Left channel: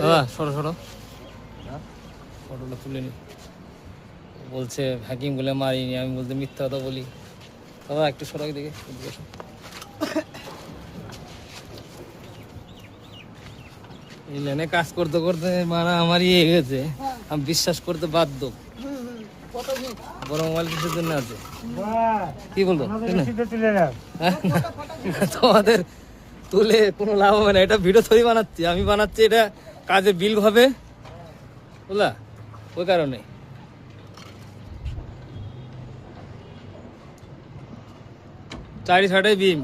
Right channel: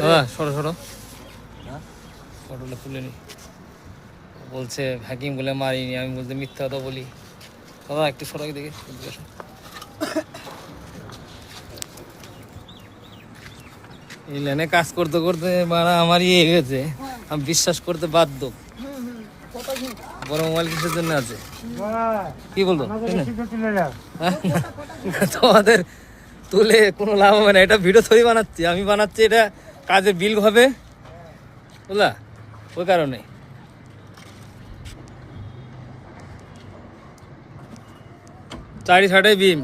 দাদা সরো সরো, ফটোটা তুলে নি। বলছে হ্যাকিং বলে মারিনি, আমি বলতে মিথ্যা কথা বলি। দাদা একটু সরাই দেখে। এই লাইনে কাজ করতে করতে মানে আমারই এ গেছে, আমি বিশ্বাস করতে বাধ্য। বড় মোবাইল কিসের জন্য আছে কি বলতো? তোমাদের তুলে কোনো লাভ হবে না, এটা ভিডিও থরি বানাচ্ছি আমি, বানাচ্ছি এটা কাজে বিল হবে বুঝলা, ওই কারণে। চারি সাইডে বিম।